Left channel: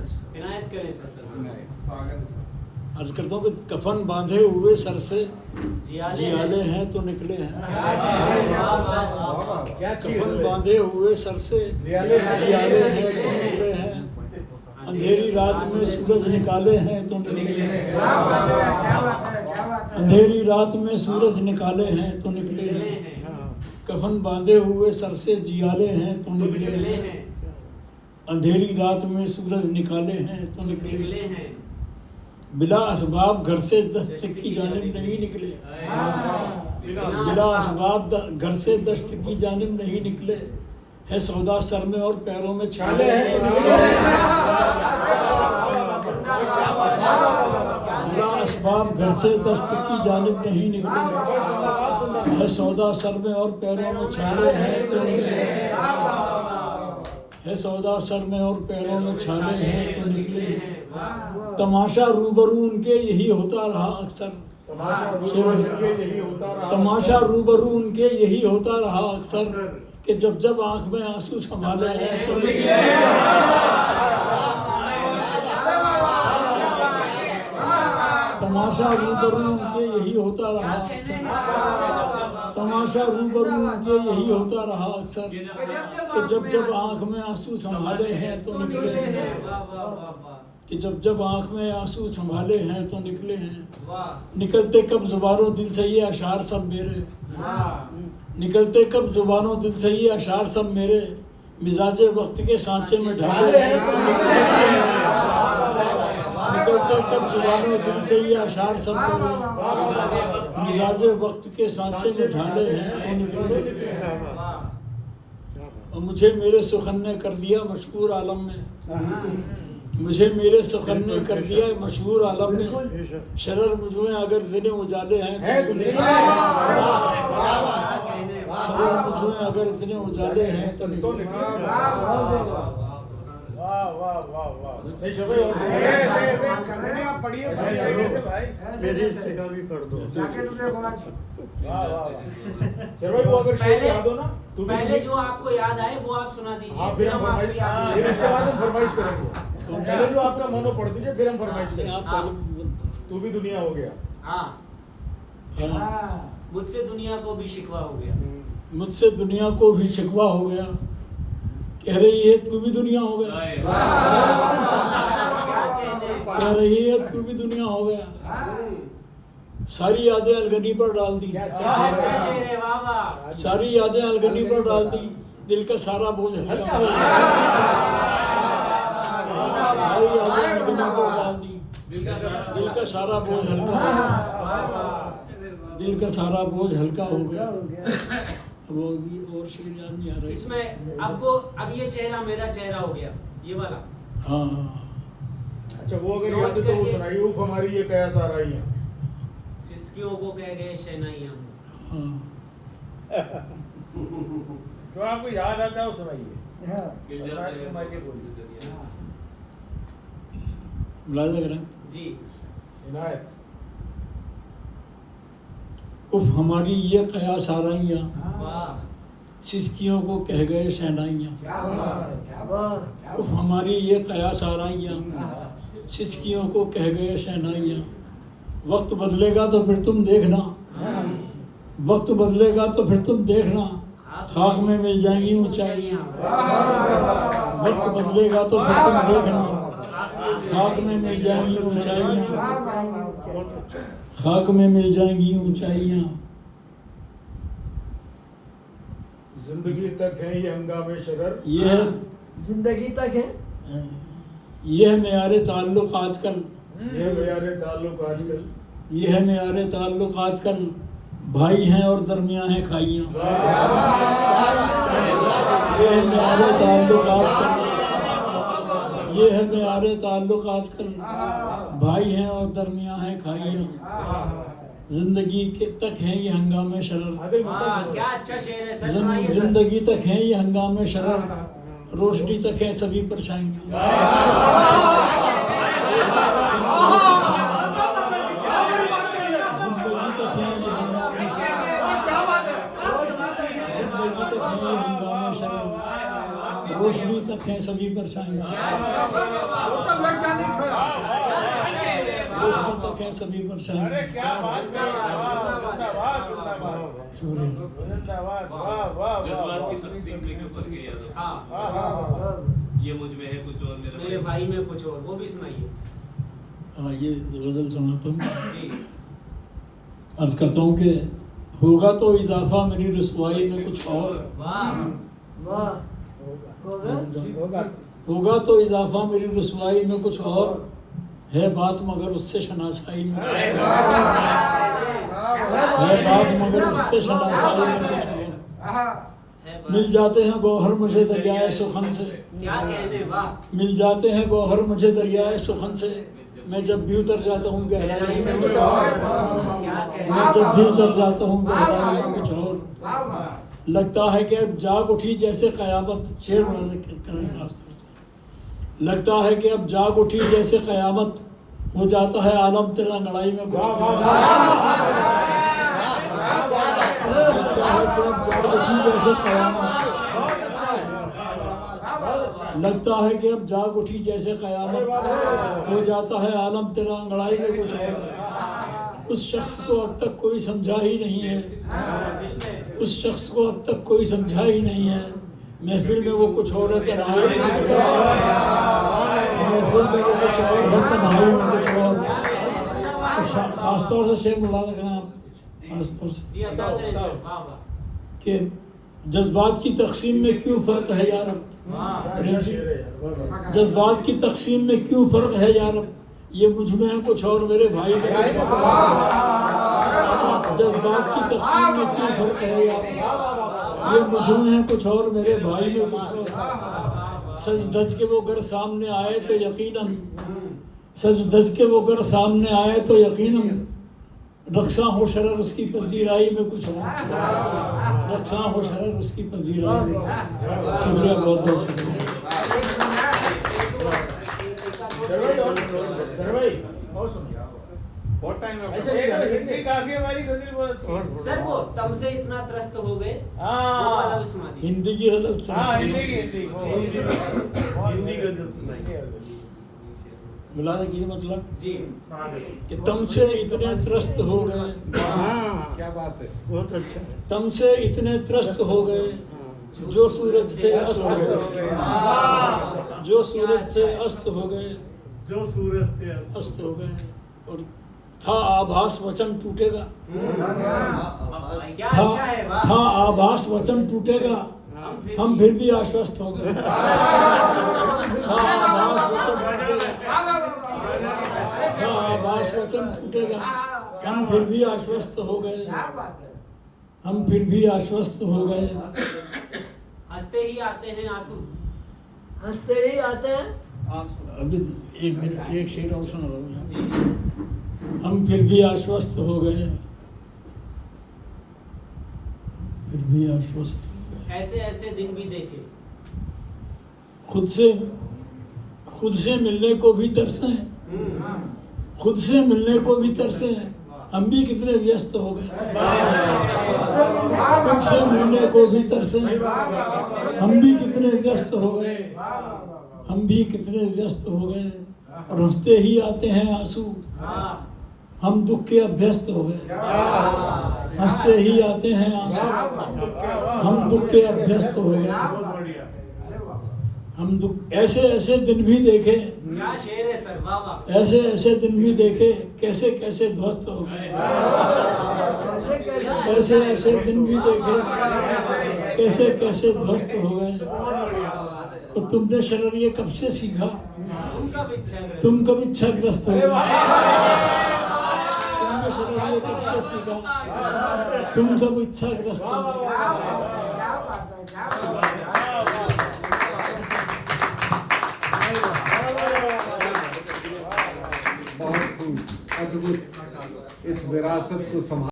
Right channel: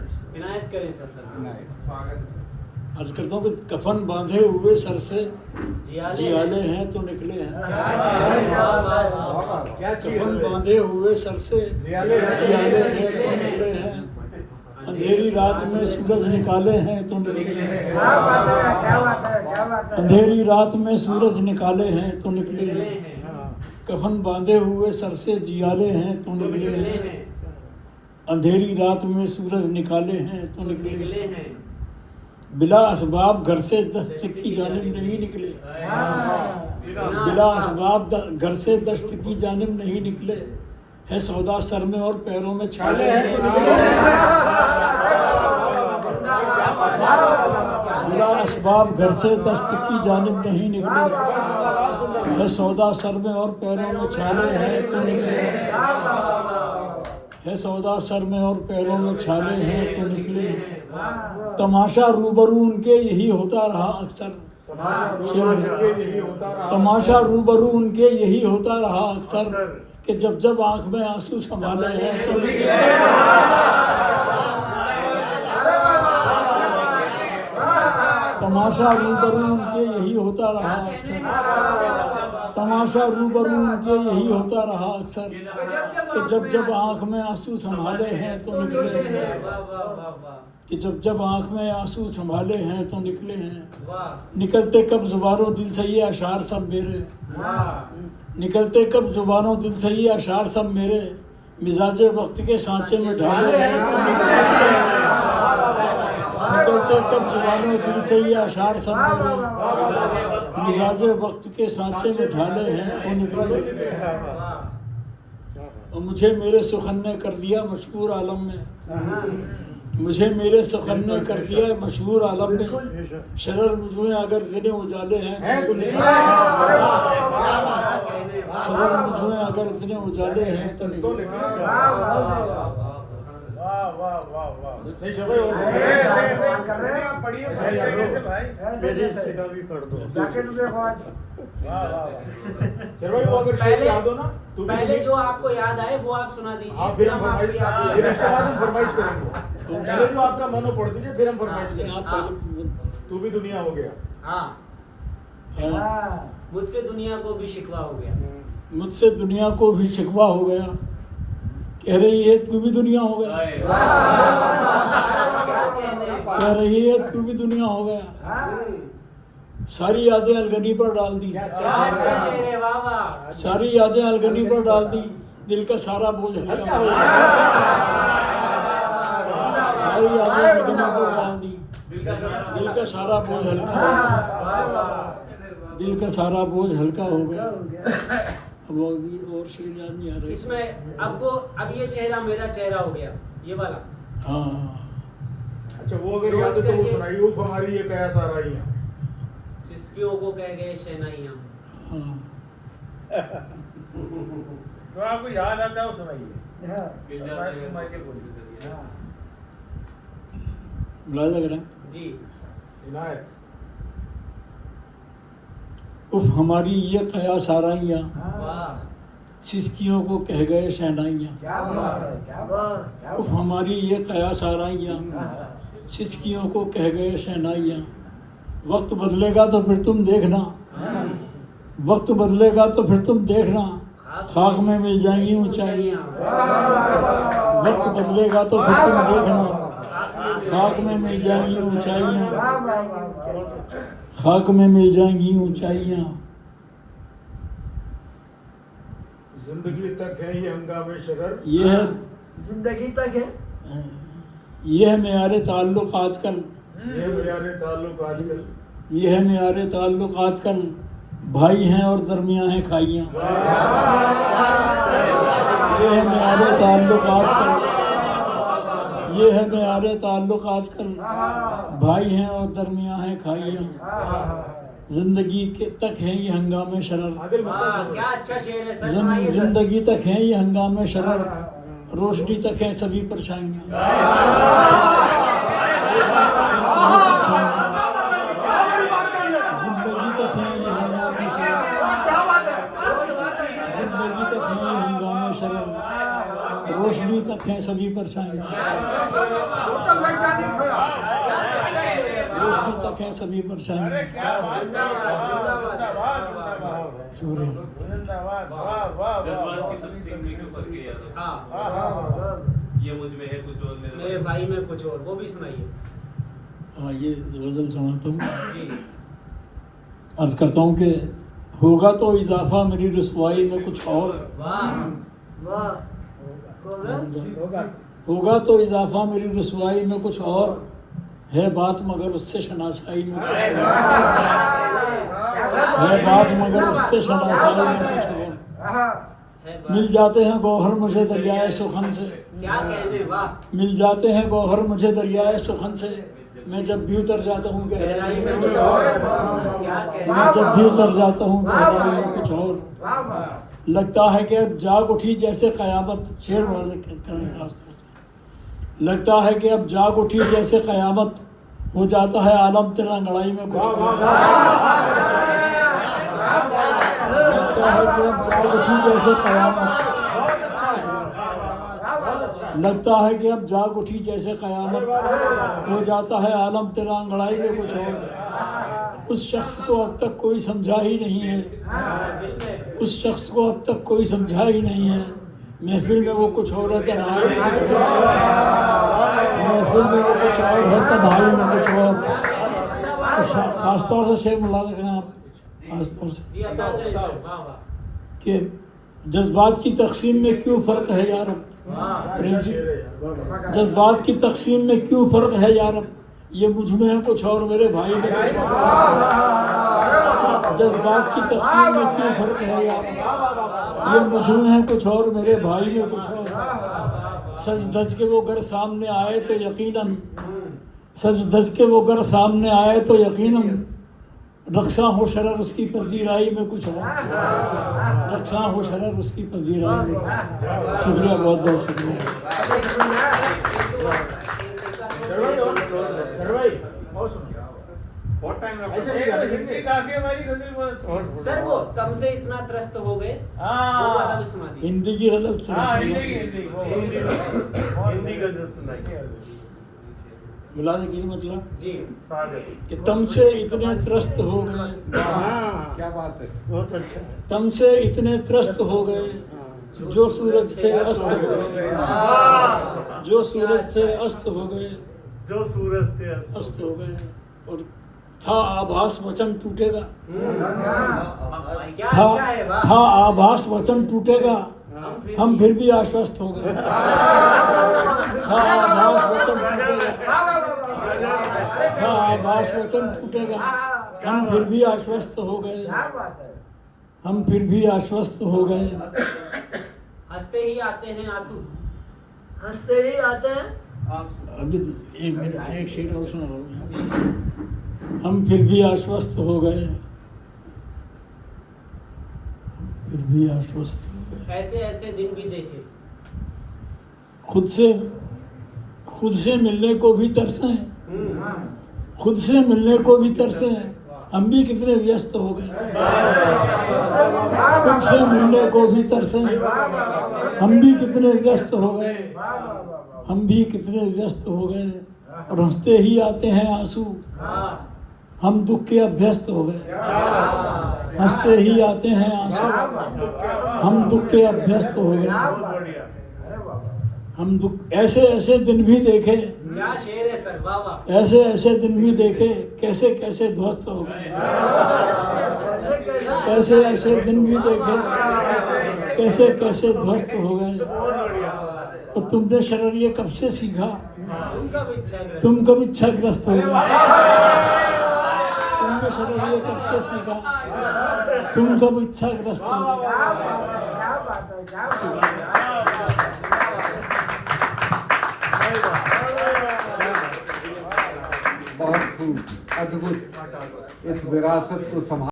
इनायत करें सर। अर्ज करता हूँ कि कफन बांधे हुए सर से जियाले हैं तो निकले हैं। कफन बांधे हुए सर से जियाले हैं तो निकले हैं। अंधेरी रात में सूरज निकाले हैं तो निकले हैं। अंधेरी रात में सूरज निकाले हैं तो निकले हैं। कफन बांधे हुए सर से जियाले हैं तो निकले हैं। अंधेरी रात में सूरज निकाले हैं तो निकले हैं। बिला असबाब घर से दस्त की जानिब नहीं निकले। बिला असबाब घर से दस्त की जानिब नहीं निकले। है सौदा सर में और पैरों में छाले हैं तो निकले। बिला असबाब घर से दस्त की जानिब नहीं निकले। है सौदा सर में और पैरों में छाले हैं तो निकले। है सौदा सर में और पैरों में छाले हैं तो निकले। तमाशा रूबरू उनके यही होता रहा अक्सर। तमाशा रूबरू उनके यही होता रहा अक्सर कि जब जब आंख में आंसू संभाले हैं तो निकले। तमाशा रूबरू उनके यही होता रहा अक्सर। तमाशा रूबरू उनके यही होता रहा अक्सर कि जब जब आंख में आंसू संभाले हैं तो निकले हैं। कि जब जब आंख में आंसू संभाले हैं तो निकले हैं। निकलते कब जुबानों दिल से ये अशार सब मेरे। निकलते कब जुबानों दिल से ये अशार सब मेरे। मिजाजे वक्त के सांचे में ढाले हैं तो निकले हैं। निकलते कब जुबानों दिल से ये अशार सब मेरे। मिजाजे वक्त के सांचे में ढाले हैं तो निकले। और मुझे मेरे सुखन ने कर दिया मशहूर आलम में। मुझे मेरे सुखन ने कर दिया मशहूर आलम में। शरर मुझमें अगर दिन उजाले हैं तो निकले। शरर मुझमें अगर दिन उजाले हैं तो निकले। मेरी इस्तिका भी पढ़ दो। पहले जो आपको याद आए वो आप सुना दीजिए, फिर हम आपको याद चलो जो आपका मन हो पढ़ दीजिए, फिर हम फरमाइश करेंगे। तू भी दुनिया हो गया। हाँ, मुझसे दुनिया को भी शिकवा हो गया। मुझसे दुनिया को भी शिकवा हो गया। कह रही है तू भी दुनिया हो गया। कह रही है तू भी दुनिया हो गया। सारी यादें अलगनी पर डाल दी। सारी यादें अलगनी पर डाल दी। दिल का सारा बोझ हल्का हो गया। सारी यादें अलगनी पर डाल दी। दिल का सारा बोझ हल्का हो गया। दिल का सारा बोझ हल्का हो गया। वो भी और शेर याद नहीं आ रहा इसमें। अब ये चेहरा मेरा चेहरा हो गया, ये वाला। हाँ, अच्छा वो अगर याद है तो वो सुनाइए। उफ हमारी ये कया सारा ही है। सिसकियों को कह गए शहनाइयां। तो आपको याद आता है वो सुनाइए। मुलाजा करें जी। इनायत। उफ हमारी ये कया साराइयाँ। वाह। सिसकियों को कह गए शहनाइयाँ। उफ हमारी ये कया साराइयाँ। सिसकियों को कह गए शहनाइयाँ। वक्त बदलेगा तो फिर तुम देखना। वक्त बदलेगा तो फिर तुम देखना। खाक में मिल जाएंगी ऊंचाइयाँ। वक्त बदलेगा तो फिर तुम देखना। खाक में मिल जाएंगी ऊंचाइयाँ। खाक में मिल जाएंगी ऊंचाइयाँ। जिंदगी तक है ये हंगामे शरर। ये है जिंदगी तक है। ये है मेयारे ताल्लुक आजकल। ये मेयारे ताल्लुक आजकल। ये है मेयारे ताल्लुक आजकल। भाई हैं और दरमियां हैं खाइयाँ। ये है मेयारे ताल्लुक आजकल। ये है मेयारे ताल्लुक आजकल। भाई हैं और दरमियां हैं खाइयाँ। जिंदगी के तक है ये हंगामे शरर। क्या अच्छा शेर है, सच सुनाइए सर। जिंदगी तक है ये हंगामे शरर। रोशनी तक है सभी परछाइयाँ। जिंदगी तक है ये हंगामे शरर। जिंदगी तक है ये हंगामे शरर। रोशनी तक तक हैं सभी परछाई, रोशनी तक हैं सभी परछाई। सूर्य जज्बात की सब सीखने के ऊपर के यार। हाँ ये मुझ में है कुछ और मेरे भाई में कुछ और, वो भी सुनाइए। हाँ, ये गजल सुनाता हूँ। जी अर्ज करता हूँ कि होगा तो इजाफा मेरी रुसवाई में कुछ और, वाह होगा तो इजाफा मेरी रुसवाई में कुछ और, है बात मगर उससे शनासाई में कुछ और, है बात मगर उससे शनासाई में कुछ और। मिल जाते हैं गौहर मुझे दरियाए सुखन से, क्या कहने, वाह मिल जाते हैं गौहर मुझे दरियाए सुखन से, मैं जब भी उतर जाता हूँ गहराई में कुछ और, मैं जब भी उतर जाता हूँ गहराई में कुछ और। लगता है कि अब जाग उठी जैसे कयामत, शेर वाले लगता है कि अब जाग उठी जैसे कयामत, हो जाता है आलम तेरा अंगड़ाई में कुछ और। लगता है कि अब जाग उठी जैसे कयामत, लगता है कि अब जाग उठी जैसे कयामत, हो जाता है आलम तेरा अंगड़ाई में कुछ और। उस शख्स को अब तक कोई समझा ही नहीं है, उस शख्स को अब तक कोई समझा ही नहीं है, महफिल में वो कुछ और है तन्हाई में कुछ और, महफिल में वो कुछ और है तन्हाई में कुछ और। खासतौर से शेर मुला रखना आप, खासतौर से जी अदा करें सर, वाह वाह कि जज्बात की तकसीम में क्यों फ़र्क है यार, प्रेम जी, जज्बात की तकसीम में क्यों फ़र्क है यार, ये मुझ में है कुछ और मेरे भाई में कुछ और। जज्बात की तकसीम में क्यों फ़र्क है यार, ये मुझ में है कुछ और मेरे भाई में कुछ और। सज धज के वो घर सामने आए तो यकीनन, सज धज के वो घर सामने आए तो यकीनन, रक्षा हो शरर उसकी पजीराई में कुछ और, रक्षा हो शरर उसकी पजीराई में। शुक्रिया, बहुत बहुत शुक्रिया। सर वो तम से इतना त्रस्त हो गए, वो वाला भी सुना दीजिए। हिंदी की गजल सुनाती है, हिंदी गजल सुनाइए। मुलाज़े की मतलब जी कि तम से इतने त्रस्त हो गए, क्या बात है, बहुत अच्छा। तम से इतने त्रस्त हो गए, जो सूरज से अस्त हो गए, जो सूरज से अस्त हो गए, जो सूरज से अस्त हो गए। और था आभास वचन टूटेगा, क्या था अच्छा है, वाह था आभास वचन टूटेगा, हम फिर भी आश्वस्त हो गए। था आभास वचन टूटेगा, था आभास वचन टूटेगा, हम फिर भी आश्वस्त हो गए, हम फिर भी आश्वस्त हो गए। हंसते ही आते हैं आंसू, हंसते ही आते हैं। अभी एक मिनट, एक शेर और सुना रहा हूँ। हम फिर भी आश्वस्त हो गए, फिर भी आश्वस्त हो गए। ऐसे ऐसे दिन भी देखे, खुद से मिलने को भी तरसे, खुद से मिलने को भी तरसे, हम भी कितने व्यस्त हो गए। खुद से मिलने को भी तरसे, हम भी कितने व्यस्त हो गए, हम भी कितने व्यस्त हो गए। और हंसते ही आते हैं आंसू, हम दुख के अभ्यस्त हो गए। हंसते ही आते हैं आंसू, हम दुख के अभ्यस्त हो गए। हम दुख, ऐसे ऐसे दिन भी देखे, क्या शेर है सर, वाह वाह ऐसे ऐसे दिन भी देखे, कैसे कैसे ध्वस्त हो गए। ऐसे ऐसे दिन भी देखे, कैसे कैसे ध्वस्त हो गए। और तुमने शरर ये कब से सीखा, तुम कब इच्छाग्रस्त हो गए। तुमने शरर ये कब से सीखा, तुम कब इच्छाग्रस्त हो गए। बहुत खूब, अद्भुत, इस विरासत को संभाल